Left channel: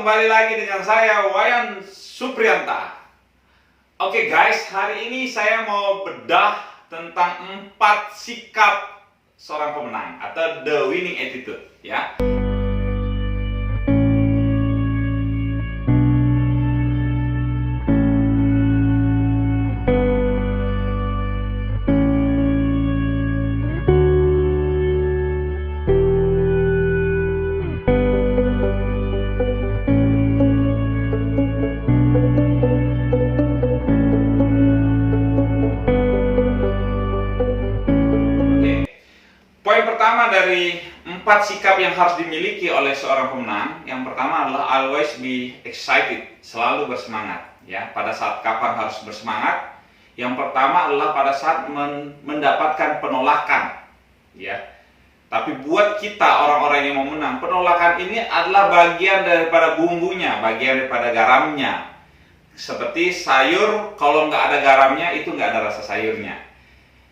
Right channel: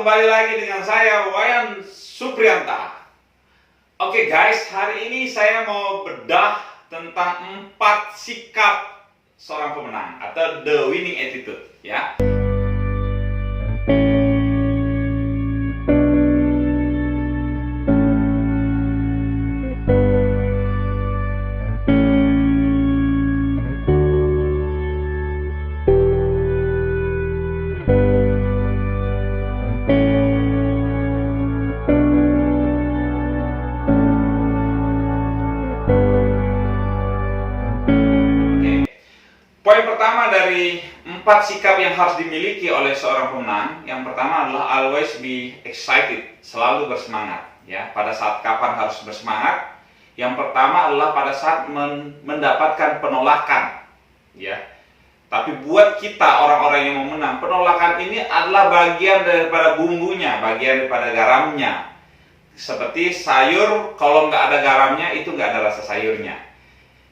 kembali lagi dengan saya Wayan Suprianta. Oke guys, hari ini saya mau bedah tentang 4 sikap seorang pemenang atau the winning attitude ya. Poin pertama dari 4 sikap yang harus dimiliki oleh seorang pemenang, yang pertama adalah always be excited, selalu bersemangat. Ya, pada saat kapan harus bersemangat? Yang pertama adalah pada saat mendapatkan penolakan. Ya, tapi buat kita orang-orang yang mau menang, penolakan ini adalah bagian daripada bumbunya, bagian daripada garamnya. Seperti sayur, kalau nggak ada garamnya itu nggak ada rasa sayurnya.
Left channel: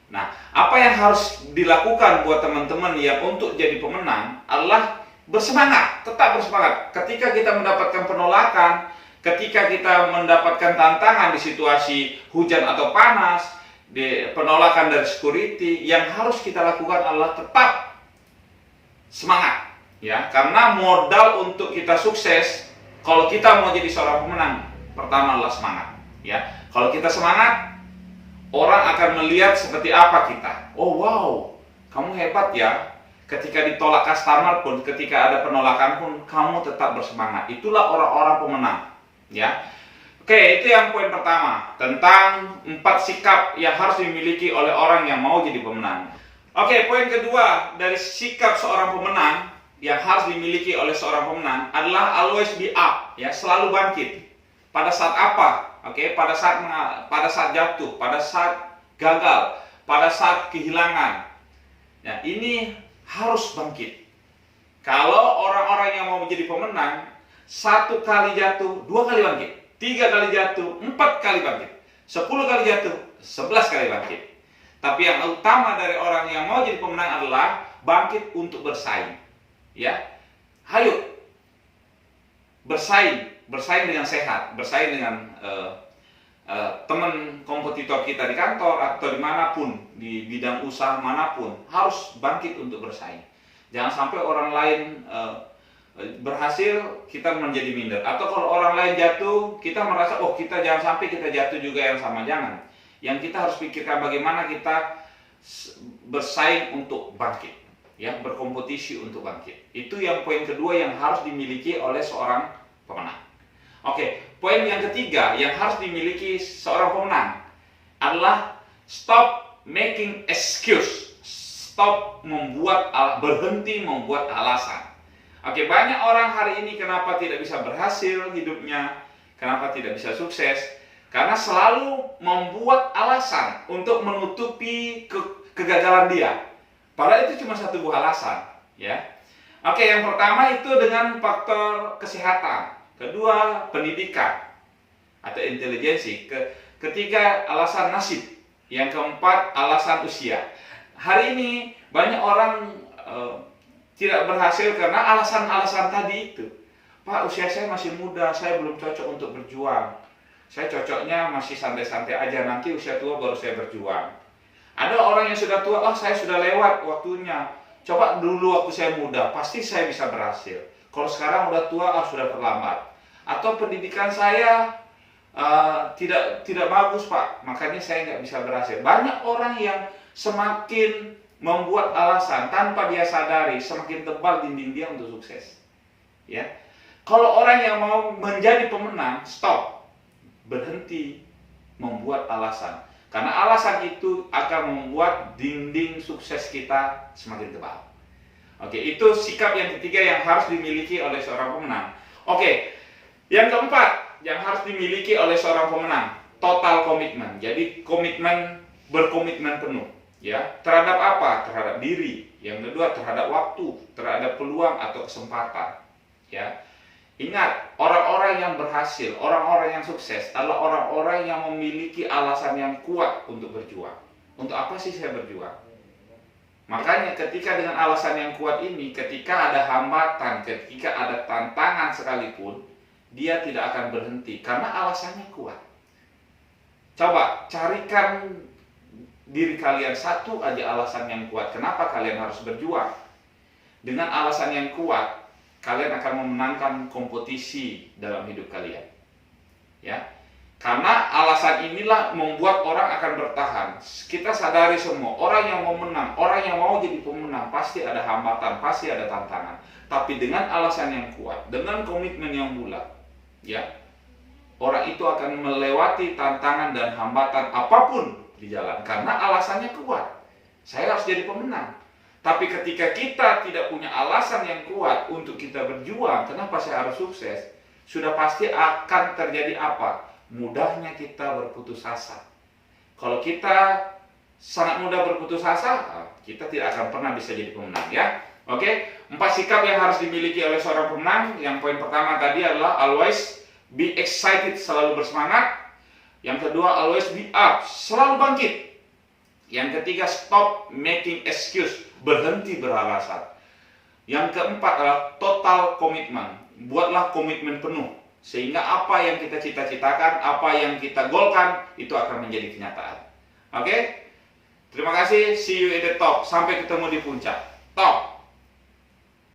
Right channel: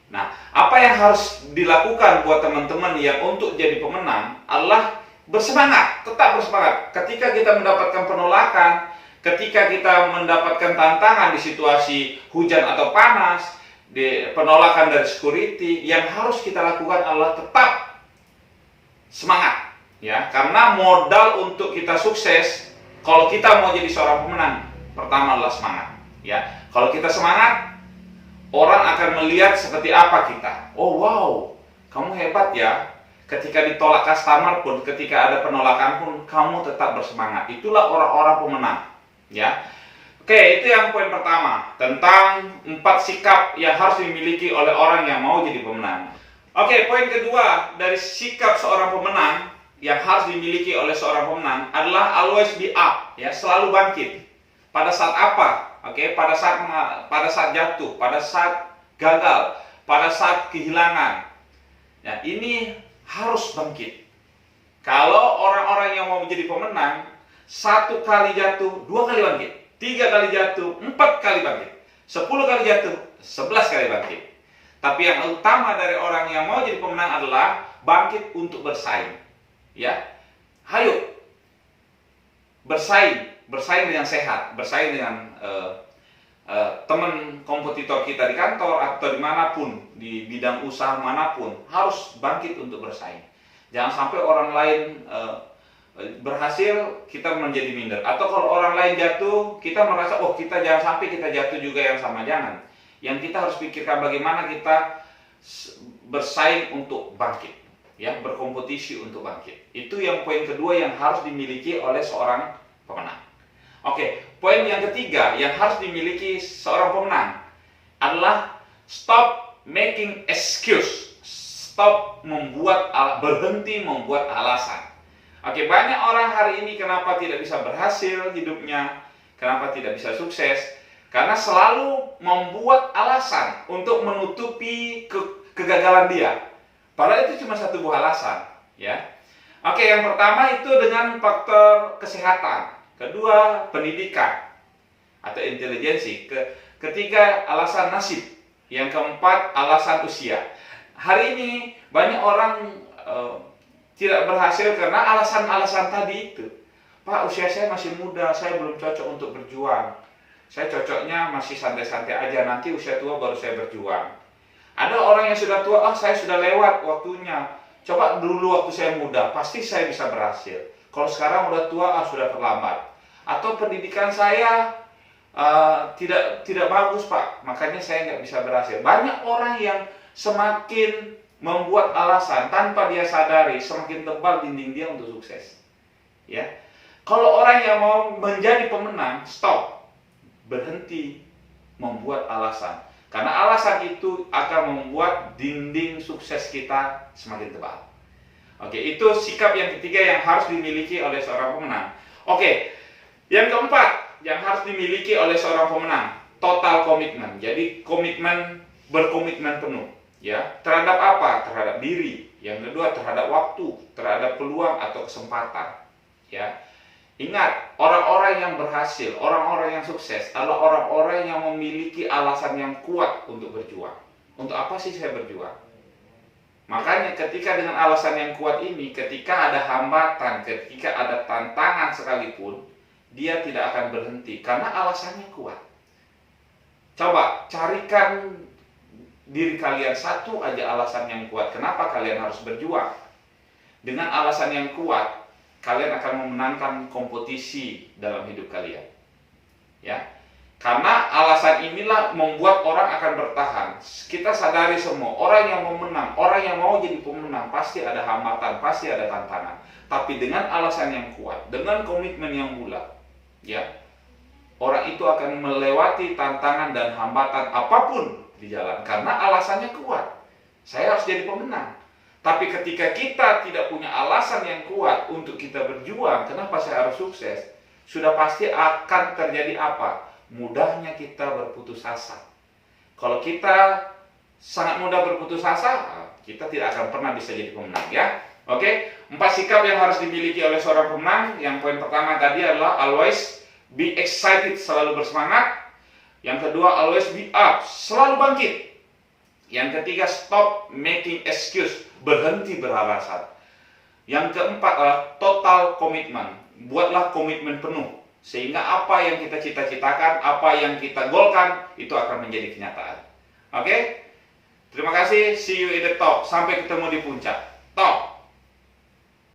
Nah, apa yang harus dilakukan buat teman-teman yang untuk jadi pemenang adalah bersemangat, tetap bersemangat. Ketika kita mendapatkan penolakan, ketika kita mendapatkan tantangan di situasi hujan atau panas, di penolakan dari security, yang harus kita lakukan adalah tetap semangat, ya. Karena modal untuk kita sukses, kalau kita mau jadi seorang pemenang, pertama adalah semangat, ya. Kalau kita semangat, orang akan melihat seperti apa kita. Oh wow, kamu hebat ya. Ketika ditolak customer pun, ketika ada penolakan pun, kamu tetap bersemangat. Itulah orang-orang pemenang. Ya. Oke, itu yang poin pertama. Tentang 4 sikap yang harus dimiliki oleh orang yang mau jadi pemenang. Oke, poin kedua dari sikap seorang pemenang yang harus dimiliki oleh seorang pemenang adalah always be up. Ya, selalu bangkit. Pada saat apa? Oke, pada saat jatuh, pada saat gagal, pada saat kehilangan. Nah, ini harus bangkit. Kalau orang-orang yang mau menjadi pemenang, 1 kali jatuh, 2 kali bangkit, 3 kali jatuh, 4 kali bangkit, 10 kali jatuh, 11 kali bangkit. Tapi yang utama dari orang yang mau jadi pemenang adalah bangkit untuk bersaing. Ya, ayo bersaing dengan sehat, bersaing dengan teman kompetitor kita di kantor atau dimanapun, di bidang usaha manapun, harus bangkit untuk bersaing. Jangan sampai orang lain berhasil, kita menjadi minder. Atau kalau orang lain jatuh, kita merasa, oh kita jangan sampai kita jatuh juga yang sama. Jangan. Yang kita harus pikirkan bagaimana kita bersaing untuk bangkit, ya, berkompetisi untuk bangkit. Itu yang poin kedua yang harus dimiliki oleh seorang pemenang. Oke, poin yang ketiga yang harus dimiliki seorang pemenang adalah stop making excuse. Stop berhenti membuat alasan. Oke, banyak orang hari ini kenapa tidak bisa berhasil hidupnya, kenapa tidak bisa sukses? Karena selalu membuat alasan untuk menutupi kegagalan dia. Padahal itu cuma satu buah alasan, ya. Oke, yang pertama itu dengan faktor kesehatan. Kedua, pendidikan atau intelijensi. Ketiga, alasan nasib. Yang keempat, alasan usia. Hari ini banyak orang tidak berhasil karena alasan-alasan tadi itu. Pak, usia saya masih muda, saya belum cocok untuk berjuang. Saya cocoknya masih santai-santai aja, nanti usia tua baru saya berjuang. Ada orang yang sudah tua, saya sudah lewat waktunya. Coba dulu waktu saya muda, pasti saya bisa berhasil. Kalau sekarang udah tua, sudah terlambat. Atau pendidikan saya tidak bagus Pak, makanya saya nggak bisa berhasil. Banyak orang yang semakin membuat alasan tanpa dia sadari, semakin tebal dinding dia untuk sukses. Ya, kalau orang yang mau menjadi pemenang, stop, berhenti membuat alasan. Karena alasan itu akan membuat dinding sukses kita semakin tebal. Oke, itu sikap yang ketiga yang harus dimiliki oleh seorang pemenang. Oke, yang keempat yang harus dimiliki oleh seorang pemenang, total komitmen. Jadi berkomitmen penuh, ya, terhadap apa? Terhadap diri. Yang kedua, terhadap waktu, terhadap peluang atau kesempatan, ya. Ingat, orang-orang yang berhasil, orang-orang yang sukses adalah orang-orang yang memiliki alasan yang kuat untuk berjuang. Untuk apa sih saya berjuang? Makanya ketika dengan alasan yang kuat ini, ketika ada hambatan, ketika ada tantangan sekalipun, dia tidak akan berhenti karena alasannya kuat. Coba carikan diri kalian satu aja alasan yang kuat kenapa kalian harus berjuang. Dengan alasan yang kuat, kalian akan memenangkan kompetisi dalam hidup kalian. Ya. Karena alasan inilah membuat orang akan bertahan. Kita sadari semua, orang yang mau menang, orang yang mau jadi pemenang, pasti ada hambatan, pasti ada tantangan. Tapi dengan alasan yang kuat, dengan komitmen yang bulat, ya, orang itu akan melewati tantangan dan hambatan apapun di jalan. Karena alasannya kuat. Saya harus jadi pemenang. Tapi ketika kita tidak punya alasan yang kuat untuk kita berjuang, kenapa saya harus sukses? Sudah pasti akan terjadi apa? Mudahnya kita berputus asa. Kalau kita sangat mudah berputus asa, kita tidak akan pernah bisa jadi pemenang, ya. Oke, 4 sikap yang harus dimiliki oleh seorang pemenang. Yang poin pertama tadi adalah always be excited, selalu bersemangat. Yang kedua, always be up, selalu bangkit. Yang ketiga, stop making excuse, berhenti beralasan. Yang keempat adalah total commitment, buatlah komitmen penuh. Sehingga apa yang kita cita-citakan, apa yang kita golkan, itu akan menjadi kenyataan. Oke? Terima kasih, see you in the top. Sampai ketemu di puncak. Top!